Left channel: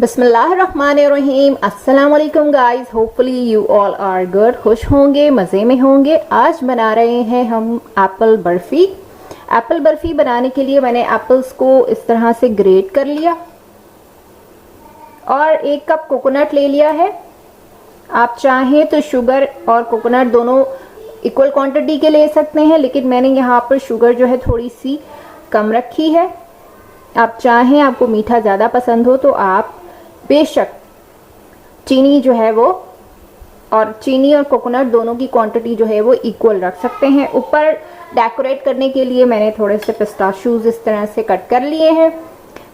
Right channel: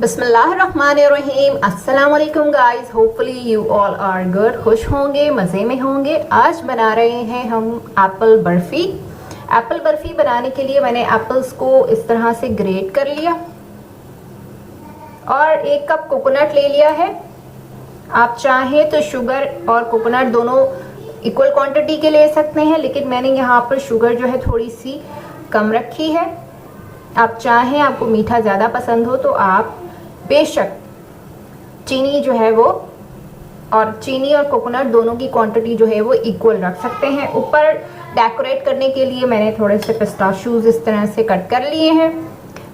बिस्मिल्लाहिर्रहमानिर्रहीम। अस्सलाम वालेकुम guys, hopefully you all are good, खुश होंगे, मज़े में होंगे। आज बना रहे हैं हम एप्पल बर्फ़ी। एप्पल बर्फ़ी बनाने के लिए मैंने एप्पल्स को इस तरह से ग्रेट कर लिया और 1 कप कोकोनट ले लिया है। आप चाहें तो शुगर और कोकोनट दोनों इक्वल क्वांटिटी के ले सकते हैं, लेकिन मैंने यहाँ पर शुगर जो है थोड़ी सी कम रखी है। आप चाहें, आपको मीठा ज़्यादा पसंद हो तो आप बेशक चीनी जो है वो, और चीनी और कोकोनट दोनों की क्वांटिटी जो है वो इक्वल रख सकते हैं। ऊपर डेकोरेट करने के लिए मैंने थोड़े से पिस्ताशूज इस तरह से कट कर लिए हैं।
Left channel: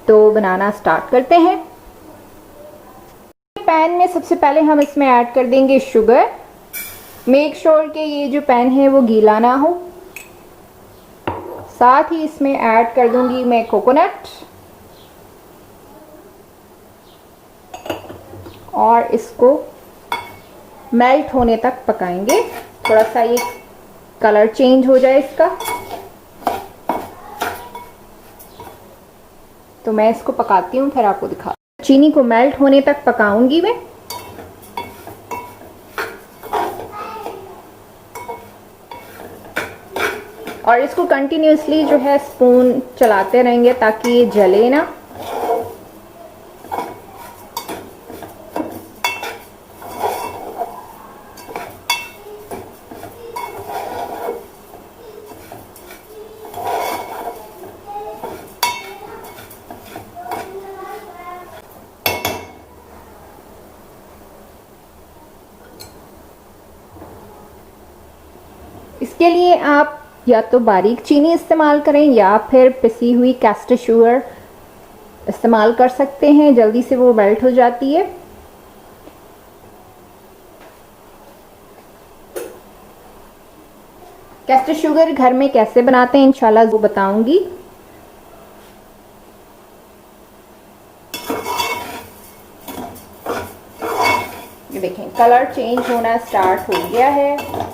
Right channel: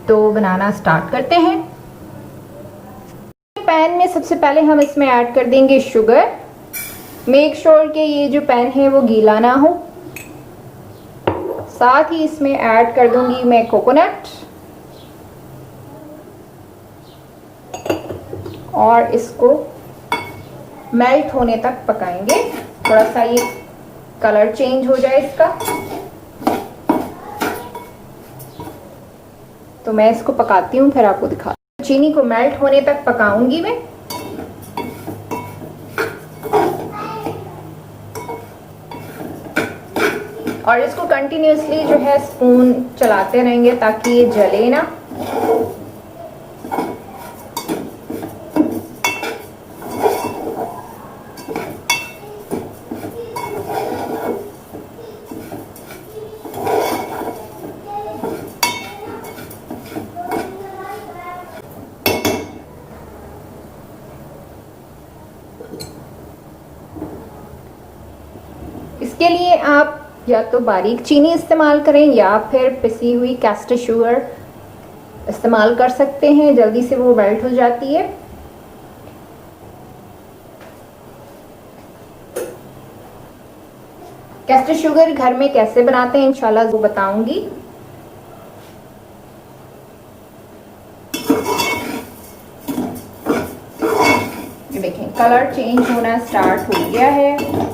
तो बनाना स्टार्ट करते हैं। पैन में सबसे पहले हम इसमें ऐड कर देंगे शुगर। मेक श्योर कि ये जो पैन है वो गीला ना हो। साथ ही इसमें ऐड कर दूंगी मैं कोकोनट और इसको मेल्ट होने तक पकाएंगे। थोड़ा सा ये कलर चेंज हो जाए इसका, तो मैं इसको पकाती हूँ, फिर आपको दिखा। चीनी को मेल्ट होने तक पकाऊंगी मैं। और इसको कंटिन्यूसली जो है स्पून चलाते रहेंगे ताकि ये जले ना। इसके लिए आप या तो बारीक चीनी इस्तेमाल करें या फिर पिसी हुई कैस्टर शुगर इस्तेमाल कर सकते हैं, जल्दी से वो मेल्ट हो जाती है। कैस्टर शुगर घर में कैसे बनाते हैं इंशाल्लाह वो बताऊंगी। देखें कलर चेंज होना स्टार्ट हो गया है।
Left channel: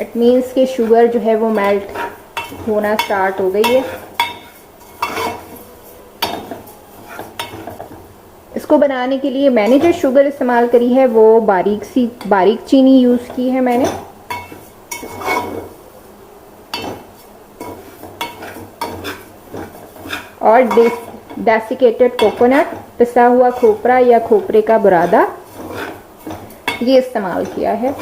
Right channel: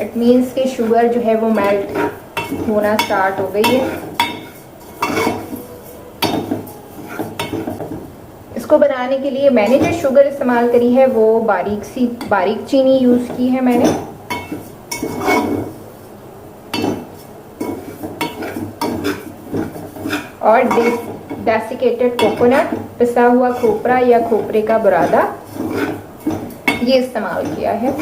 इट मीन्स कि शुगर जो है वो मेल्ट होना स्टार्ट हो गई है। इसको बनाने के लिए मैंने जो शुगर इस्तेमाल करी है वो बारीक चीनी यूज की है मैंने। और डेसिकेटेड कोकोनट, पिसा हुआ खोपरा या खोपरे का बुरादा, ये इस्तेमाल किया है।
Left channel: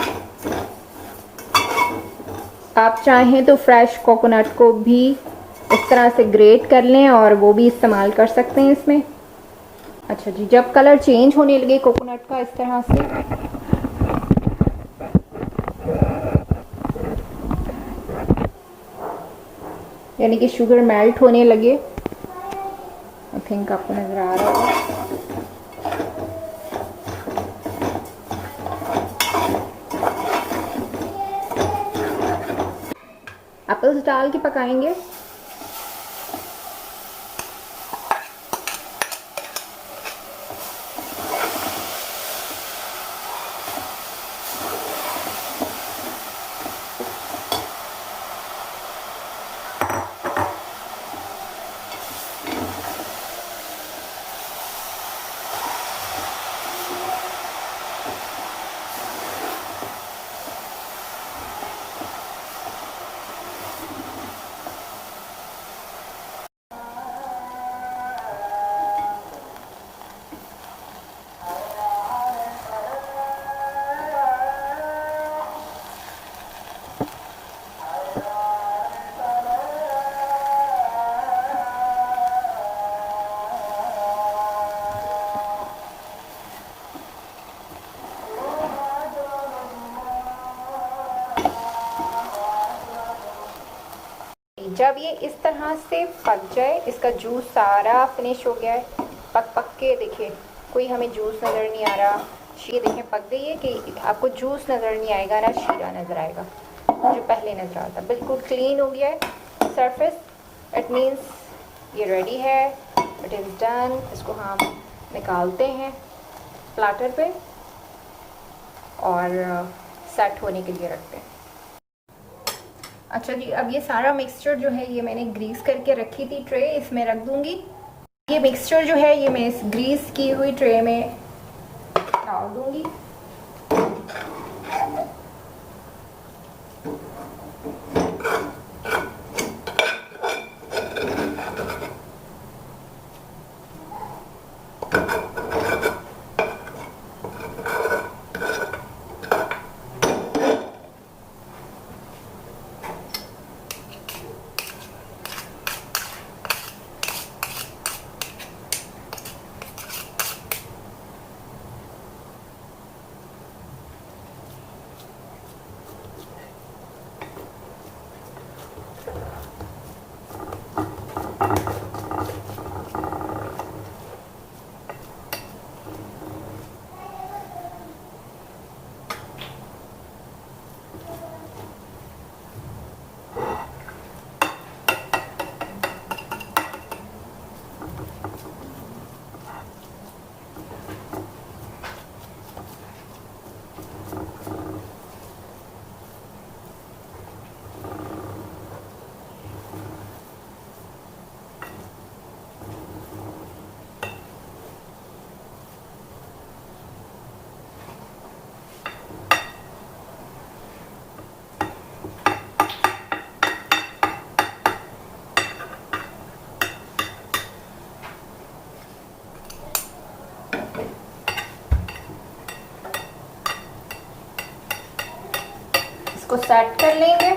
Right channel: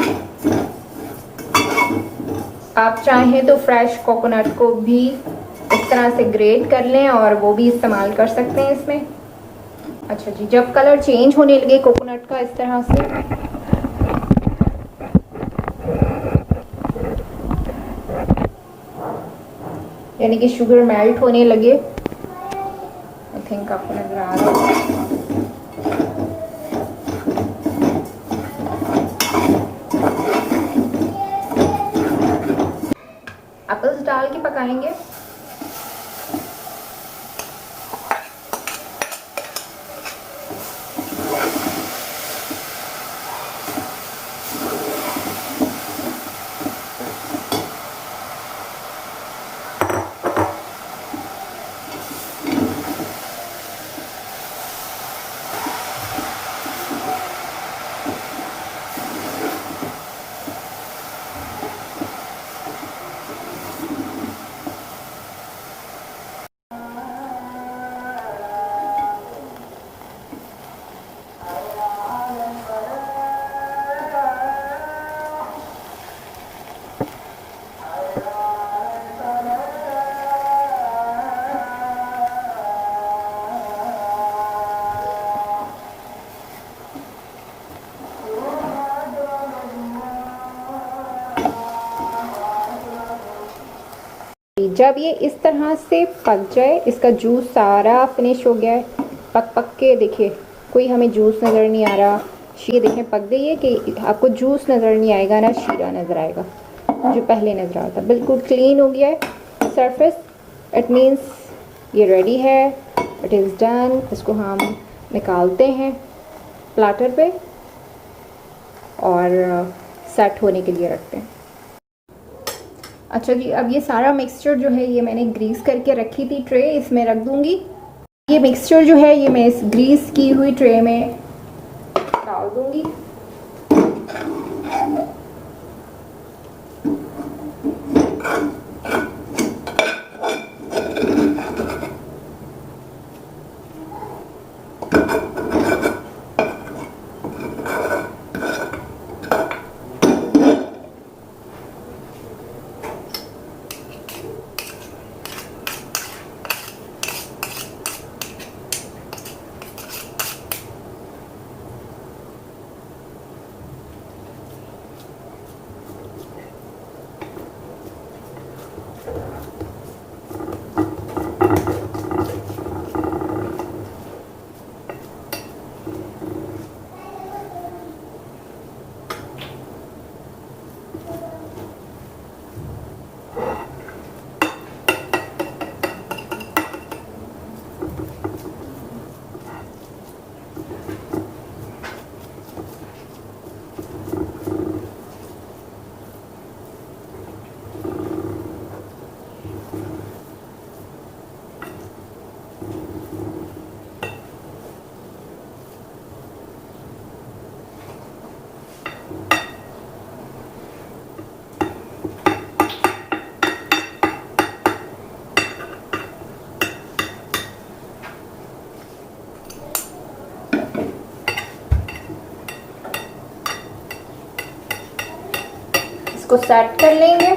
आप चाहें तो फ्रेश कोकोनट को भी इस तरह से ग्रेट कर लें और वो भी इस्तेमाल कर सकते हैं इसमें। अच्छा जी, जब कलर चेंज होने लगे कोकोनट का इस तरह से, यानी कि शुगर मेल्ट होने लगे, आई थिंक आपको नजर आ रहा है। एप्पल्स डाल के पकाएंगे। जब ये इस तरह से पक जाए, इसका जूस सारा फिनिश हो गया है, पक के देखिए कोई हमें जूस नज़र नहीं आ रहा। ये देखें पक गई है कि आपको जूस नज़र नहीं आएगा, ना शीरा नज़र आएगा जो पहले नज़र आता। बिल्कुल क्लीन हो गया है सरफेस। इट मीन्स ये रेडी है, इट इज़ डन। इसको हम निकालते हैं प्लाटर पे और सेट होने के लिए रखते हैं। अच्छा जी, अब ये सारा मिक्सचर जो है ये मैंने ग्रीस करके रखी थी ट्रे, इसमें रख दूंगी। ये मिक्सचर जो है ये मैं इस ग्रीस की हुई ट्रे में डाल दूंगी। इसको सेट कर लेंगे।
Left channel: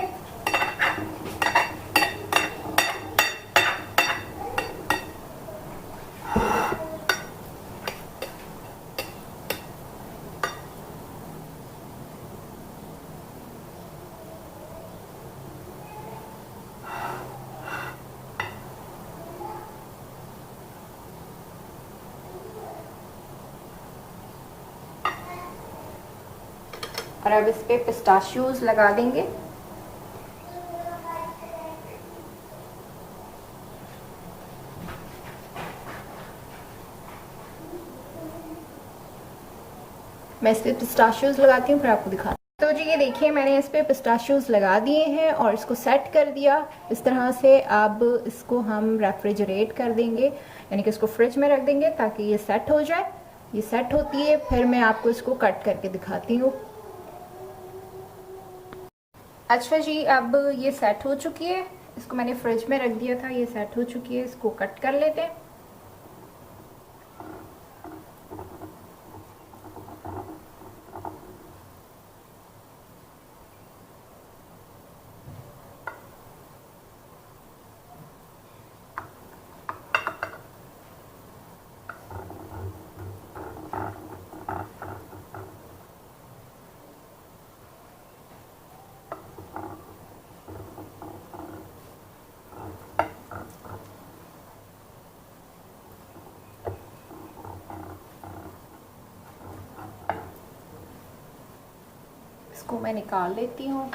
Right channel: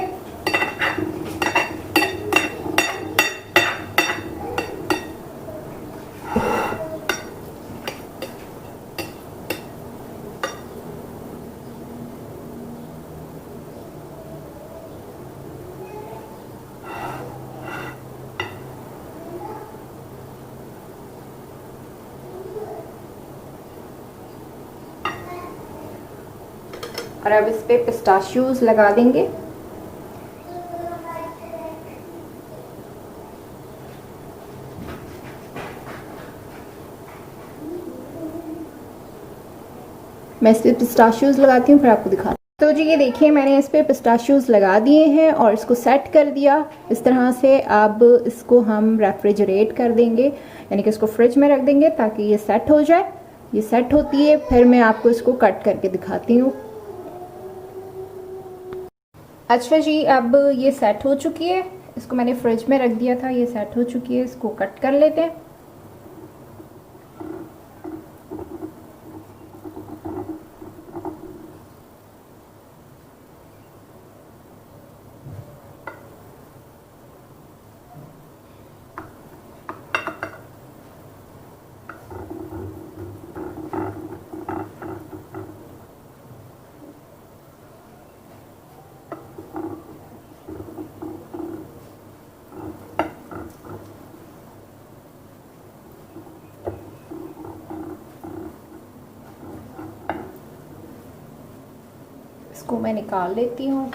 और अब इस पे पिस्ताशियोज लगा देंगे। मैं इस पे पिस्ताशियोज लगाती हूँ, फिर आपको दिखाती हूँ। तो जी ये देखिए मैंने इस पे पिस्ताशियोज लगा दिए हैं और इसको सेट कर दिया इस तरह से। अब इसको हम रेफ्रिजरेट कर देंगे, यानी कि इसको फ्रिज में रख देंगे ताकि ये सेट हो जाए। ये सेट होती है, फिर मैं आपको इसको कट करके दिखाती हूँ। अच्छा जी, अब ये सेट हो चुकी है, इसको मैंने फ्रिज में रख दिया था, ये सेट हो चुकी है। इसको कट कर लेते हैं। इसको मैं निकाल लेती हूँ।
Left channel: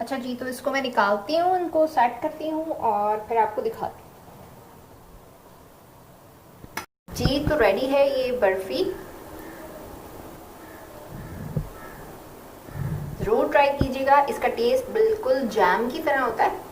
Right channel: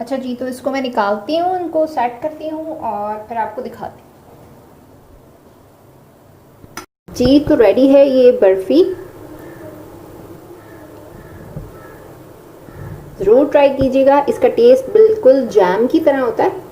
अच्छा जी, तो इसको मैं निकालती हूँ, इनको सेट करती हूँ और फिर आपको दिखाती हूँ। जी तो रेडी है ये बर्फी। जरूर ट्राई कीजिएगा, इसका टेस्ट बिल्कुल जैम की तरह होता है।